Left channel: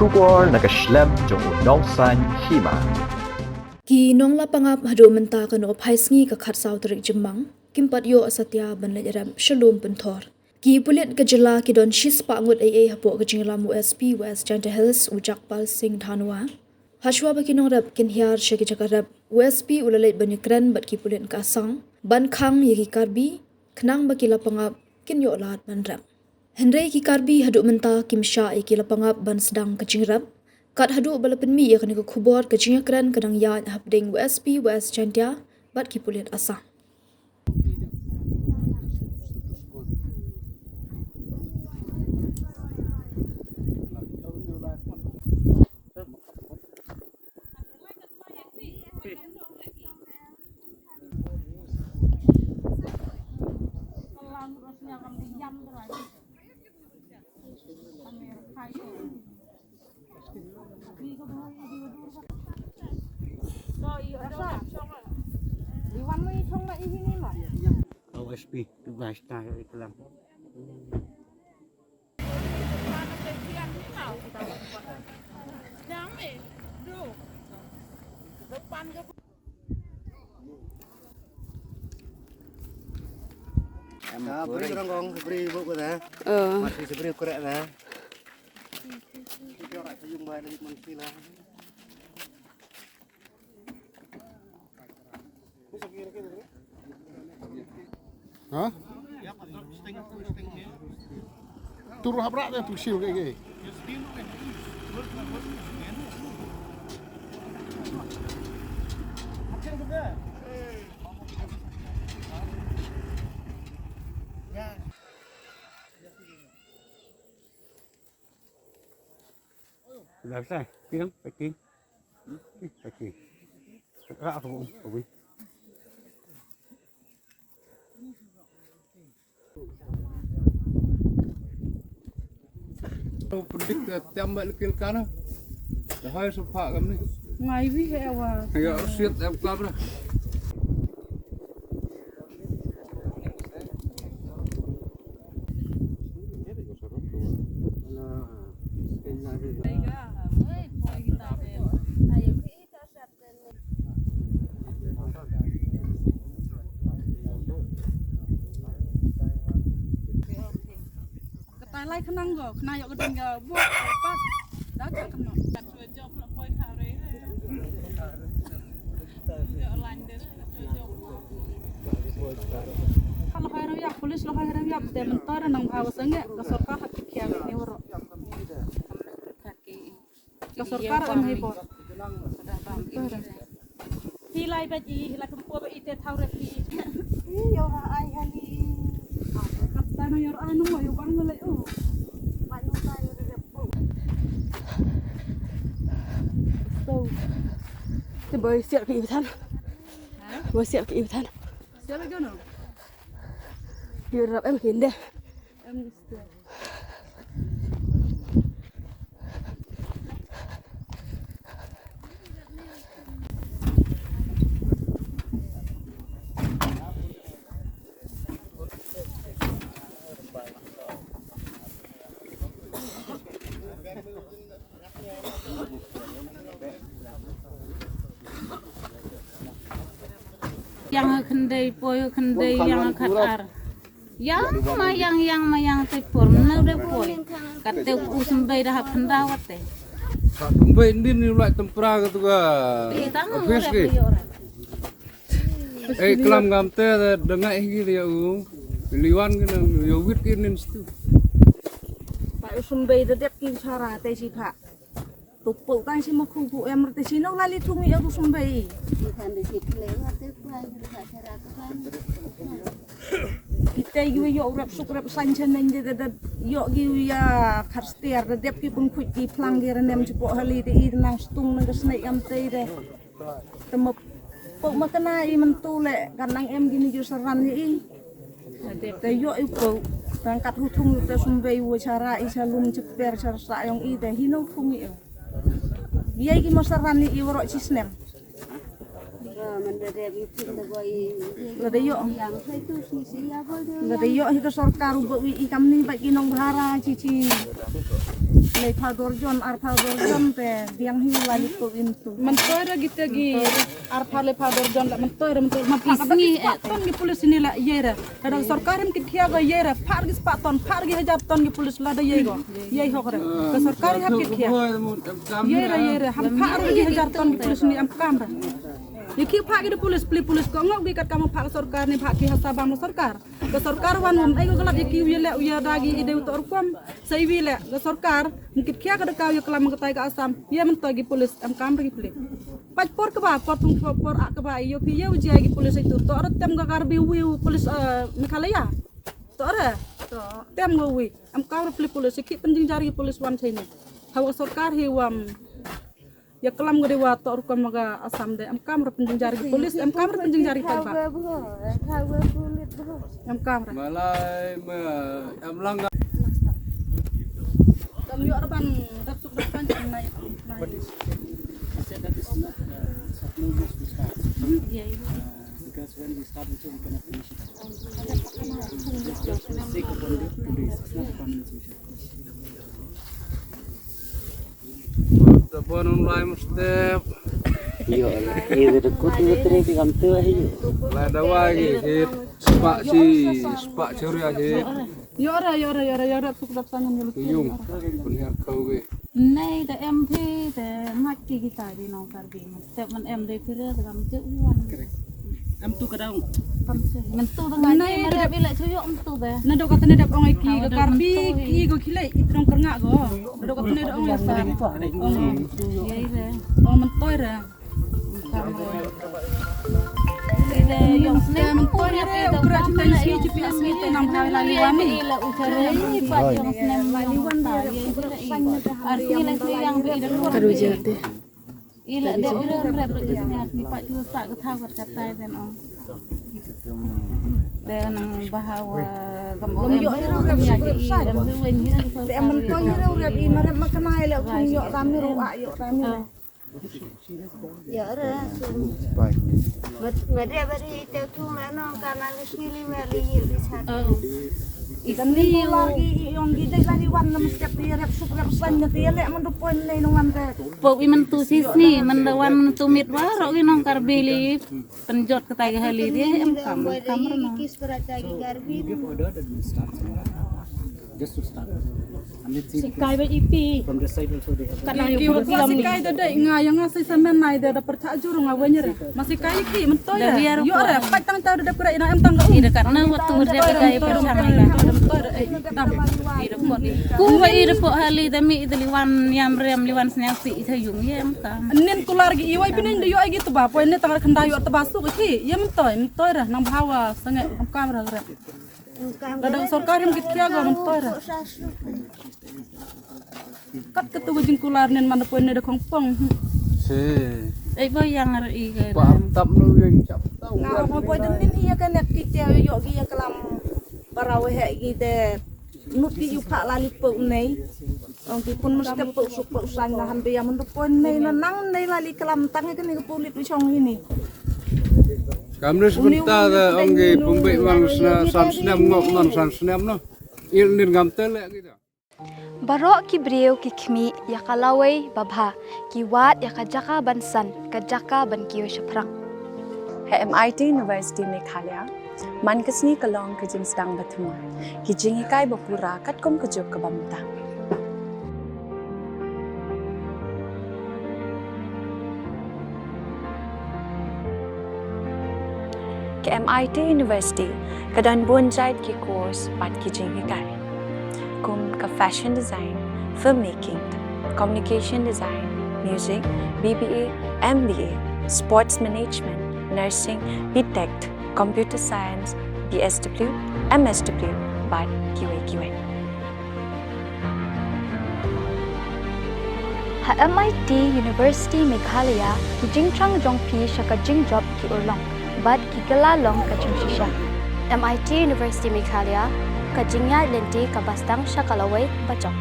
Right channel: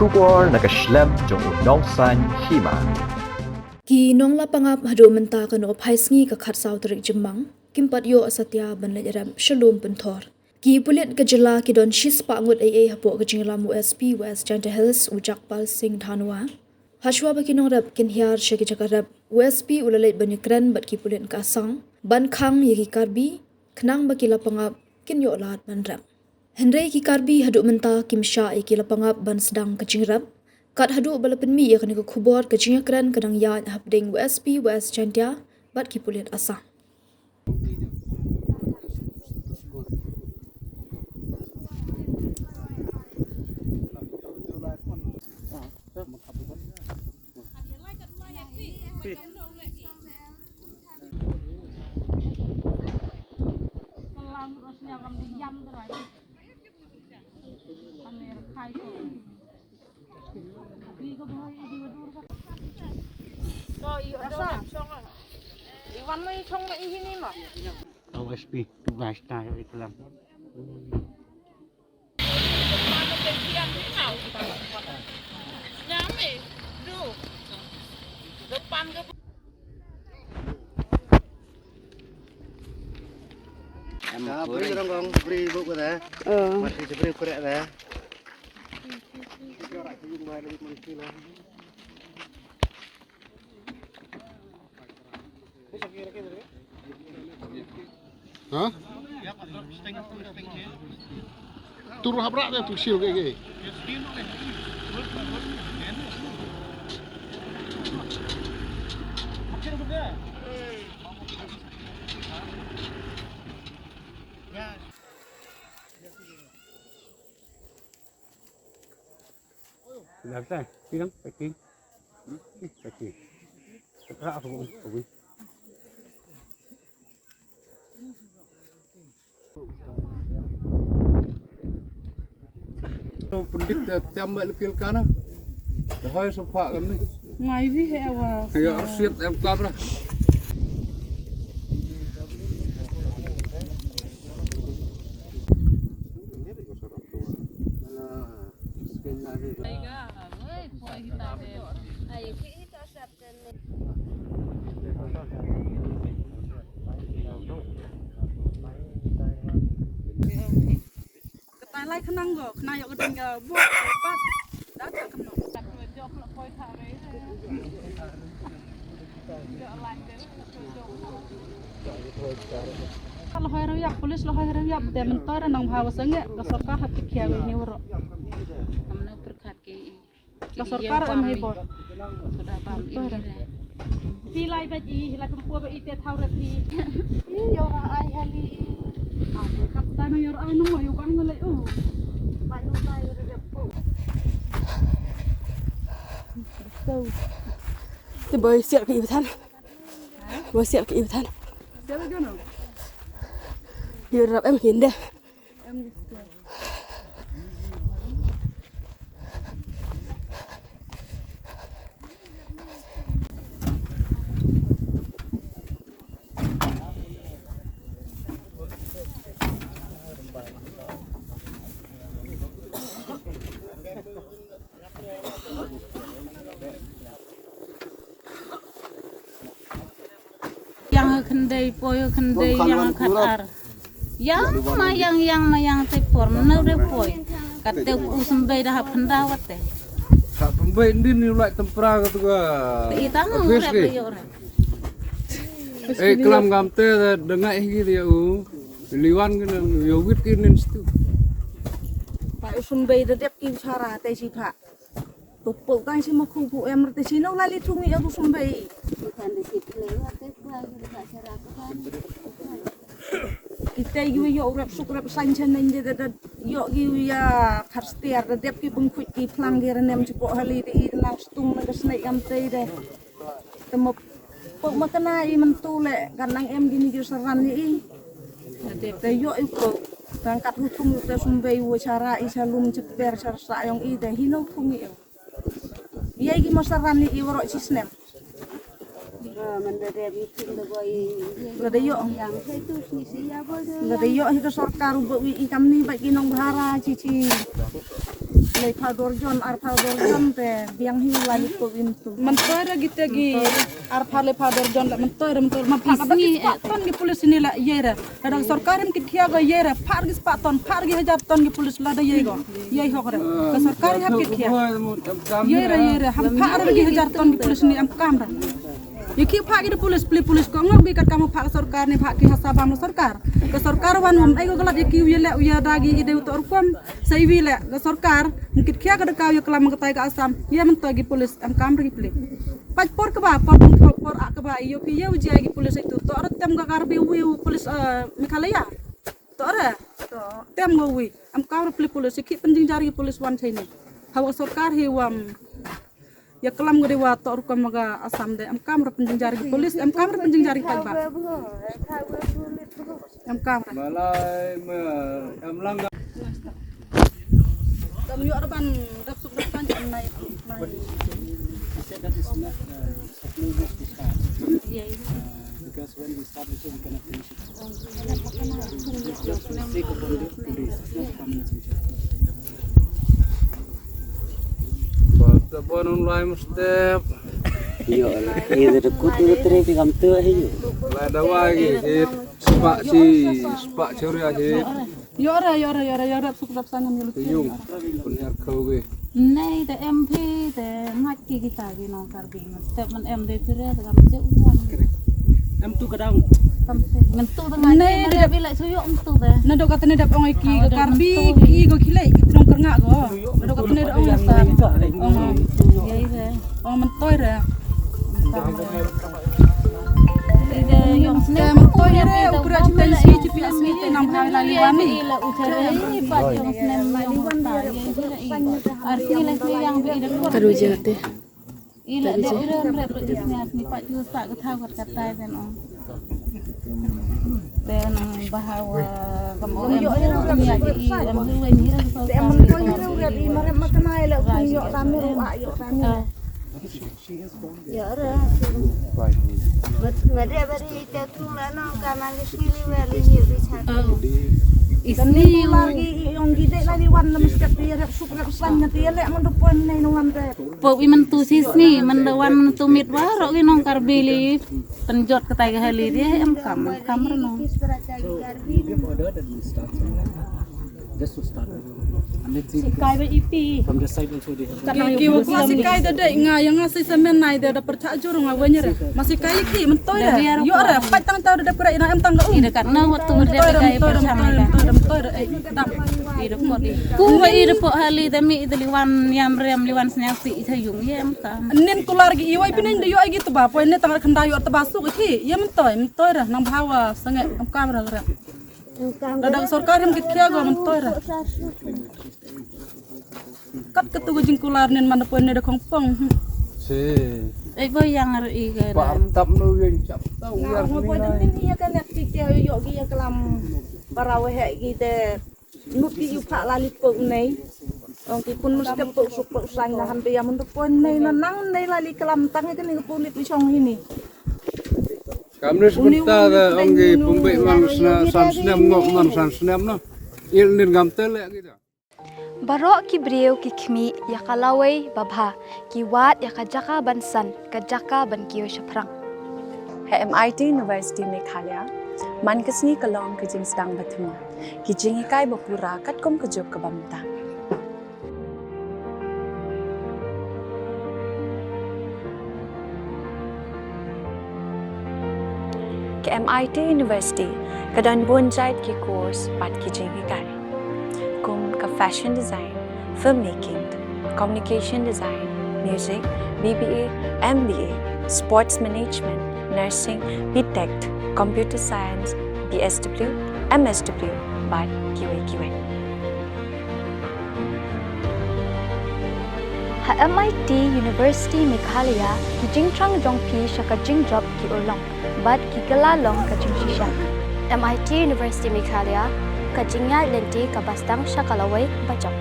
Shubor naga Khlem jong Nong Hima. Ki Nong Lapangap hado menta kano phaisngi ka khat saw tarik jemang kimpat yo asatya banle ram shalom penthor ki Pulit ka jela ki don shis pa ngut AA hapo ka jinglam USP West Janta Hills Ujakpal Singh Dhanwa hashwa ba kinong rap kin hiar shaki jakarap USP ulalait ban Ïakren bat ki Pulit ka Assam ban khang yaki Karbi khnang ba ki Lapangap kin Ïohlad ban rap Henry ki Karbi hadu menta kim Shah ki Lapangap ban sedang ka jingrap kat hadu balapan mi yakni ko khubor ka Ïakren kadang ya hapding USP West Janta bat ki Pulit Assam OSP, tugas tayo ito lang. Beri orang beri buku dah. Masih beri korek dah. Hah? Turun habrak dah tu siu ke? Làm sao? Đi đâu? Phải đi. Phải đi. Rạ không? Phải đi. Pulit tambah lekil kana. Dah hai sofa kami. Ngai vi hewa. Ya siat em kabra. Lai khnang go khna yo gedeng go bu pat da ka kemo tak job la poi thare ya lan de kalau hari yak polis lo hari yak de mentar nang bhawa sange ka sarkar hat khya ni woro amna perkhake ka sarkar am he bot ti lai ba ji la kumpo ba ite thawra ti yo ai hali kapten yo anu yo kan le manu tayo repo so thì bơi siêu kỹ thân bơi siêu kỹ thân điềuรับem hiến đây yang kendai poyo kendai yang khatar yang mayang te form na re poy kate usembei dah pendawat te Tak pembait din ni ulai tempera ke tu ga. Khlem gamte dengai gi dia liwan ke yo wit ke nin situ. Pak usembei dedep ki cara te si kha tupuk kan si makhu bu em te si no lali thungi yo usembei kan de si Khlem te pra ga cara kan kita yo rap suk rap sanchen nang de yo gi ya kharstiar dedep ki bungkhut ki phlangger nem chupo hali te i nang stung nang snai am te de temop pok makana i mentu le kanang em gini jo saran ni te yo ipo tangkat hutum te sumbei wo cara i salum ceper sarsa yong i de hino thungi yo biai gi masaran ni i woro sisnem Ladayo hito sarkar ubawi ikam ni bagi nong bahara cici le phadorjon ar phadorjon te biang hi lali to intu Mentara kita gi arpale phadorjon la mentara ma pisni ton gi pulis ni la yera ada sarkarim ki thia go yera phar gi paton phar gi hajar ton gi pulis la da yego yei hokre ka sarkarim hab ki thia yera ham phar gi hajar ton gi pulis ni am kamra Iki pak di pulis ko ngok bi kat kamu pak sarkar ni pak ki hasabam sarkar ke sarkar wan ai go galap iki uyele uya dagi ide utor kom sai wile ke sarkar mungkin kia ka ka yo kelam ketai ke Assam ye mentagi pulis am kamra gi pulis pak por ke ba por ak ba yo ki ye uji gi pulis itu to tem ga Karbi wi pulis Meghalaya to ara tem go wi am kamra pulis iki penting jari pulis wan sini hawa sarkar hi wam ya kelam gede wa tor ko maga Assam de am kamra penjing jari polis am kamra penjing jari pai ba am kamra Malai em lang tam yo arban dak suk dak kan nai because when we start it, we cannot finish it. Just for the sake of 1 day, 2 days, it's not a permanent solution. Tapon online step. Ïohlad, ini kutu teri pegam tu aja. Lah dawa lagi sepak curi aja. yo suk dak sangan yo Yung punya kau ke. Nay the MP the ngaki kita gi nong Karbi step man em de pire the gam je uan Am tu kadang. ngan tu dengan nay de bila tuyok tu de na do katane dak ong iki ga Karbi ki go khilai itrong kerngak go na do katane dak ong Assam yei de ong mentoi re ide yang snem tu ya pe da ukra kam chitai la si yang chipi snem asmi te nam nam la la liwani ila utare pa yang snem yang ta yei de arti la yang be ide ko Aduh jate. ila de pire rep de snya ni pa ju sa ka tha kat katai den ong dan bahawa kamu em ya ji em wen ni so ka i mare makanai le yo rame wa yo rame Isni lagi yang gede lagi wan mesti dia sup rep san dia le mun poin nei nong ante po wi man tu sis ni man lawan man tu mit wa ro ki nong Karbi li penjot ke tai hali dia em kamar no Give order that we start. Just to start. And let's see. Kai ba ipi. From the side also they have. ki masih kai da nga yang ngasih semen nai da percaya jur nga wenyer masih kai ki mentoi yo ra pai tang ta da pura ina em tang ga ida karena waktu dia kai pertama ka ida po di ku wa ida po hali da mi ida liwan yam rem liwan snapi ita yung yem ka nen tular gi iwai pinin da yo ai gitu ba poin ne tang khanda yo ta basu ki ye mentoi ra nang bawa sange am kamera ra dadang sarkar yang kitia go mentoi ra kat ketu gujing kular nen mana poin ne da kongpong Si. bo yang ri ke Patap nu yang cap tahu biar mo poin din iya kan nek kitia yo gi ya kelam parawe he gi de nuki yu pha la li po nei ong ki pun mesti po su po sang na hambe ya mun poin nei na nang nei la li kelam tang ke ni Pulit ni song ini Kami sebentar orang di pembek mang san snem ngok man san snem no. Il nin gam tele gitu. Barok ki breu ki khmi ya kalawai babha ki wat ya kajaka bansan kajaka ban kiyo shaprang MIT University Meghalaya man kasni kalong ke jing stang bathuma ki jingi kai bapura katkom kejok ke bamta ke MIT University kadan bonjait ki course pat ki jingi kai kum ka fashion design, filmmaking, communication design, music, BBA, MBA, sports management, nursing, BTech, computer science, BSW, MSW, but QA. ha MIT University Meghalaya ki jingtrang jongpi shaka jingjop ki urlong but ki galalong ka jingshisa MIT University Meghalaya ka jingya lenti ka bastang shakalawai bachok